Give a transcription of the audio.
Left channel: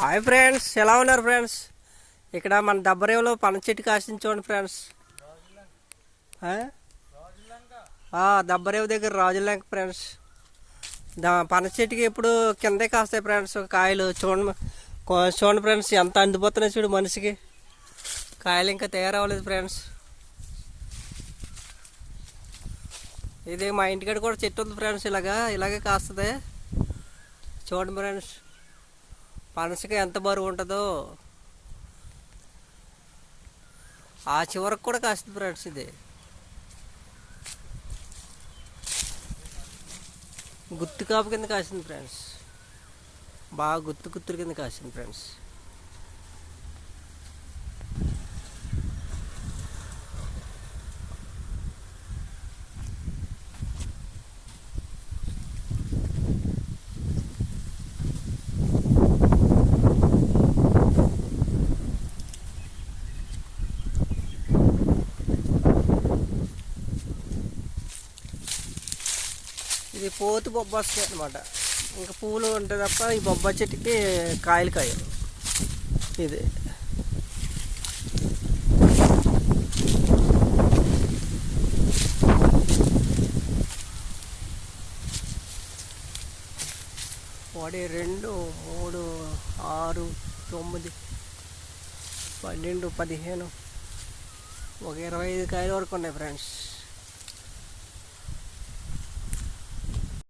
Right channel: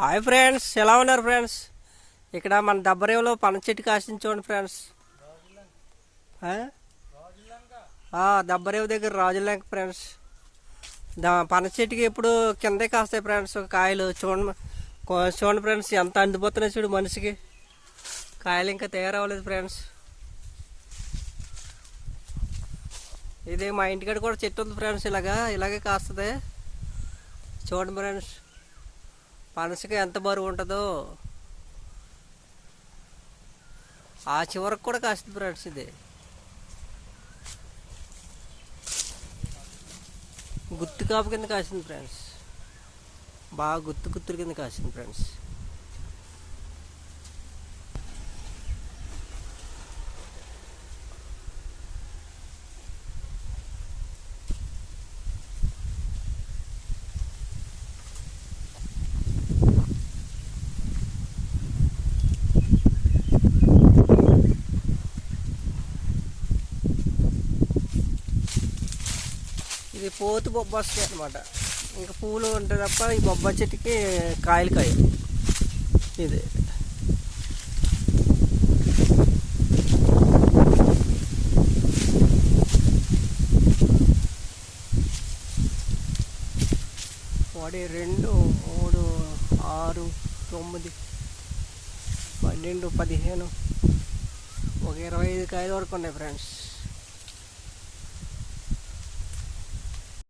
Hi friends, ఎలా ఉన్నారు friends? ఇక్కడ మన దబ్బరేవులో పన చెట్టు కాసింది చూడండి ఫ్రెండ్స్. దబ్బరేవు దగ్గర రాజులంక ఫ్రెండ్స్. పన చెట్టుకి ఇప్పుడు కిందే కాస్తాయి ఫ్రెండ్స్ కాయలు. చూడండి ఫ్రెండ్స్, ఎంత అందిపోతున్నాయి చూడు మనిషికి. కాయలు ఇంకా తయారవ్వలేదు ఫ్రెండ్స్. ఇది మా ఇంటికాడ కూడా చెట్టు ఉంది ఫ్రెండ్స్. ఇలాగే కాస్తుంది. చూడండి ఫ్రెండ్స్, పనసకి ఎంత బరువు ఉంటుందో. ఆ చివరకు కూడా కాస్తుంది ఫ్రెండ్స్. ఇది గుత్తు కాపు కింద కాసింది ఫ్రెండ్స్. బాగా గుత్తుల కింద కాసింది ఫ్రెండ్స్. ఇది పోతు బొబ్బాయి అనమాట. ఇంకా పూలు ఉంటే తప్ప ఈ బొబ్బాయి చెట్టుకి కాయలు కాయలు. ఇది వాడి 2, 3, 6, 9, 12, 15 ఒక 25 కాయల వరకు ఉన్నాయి ఫ్రెండ్స్.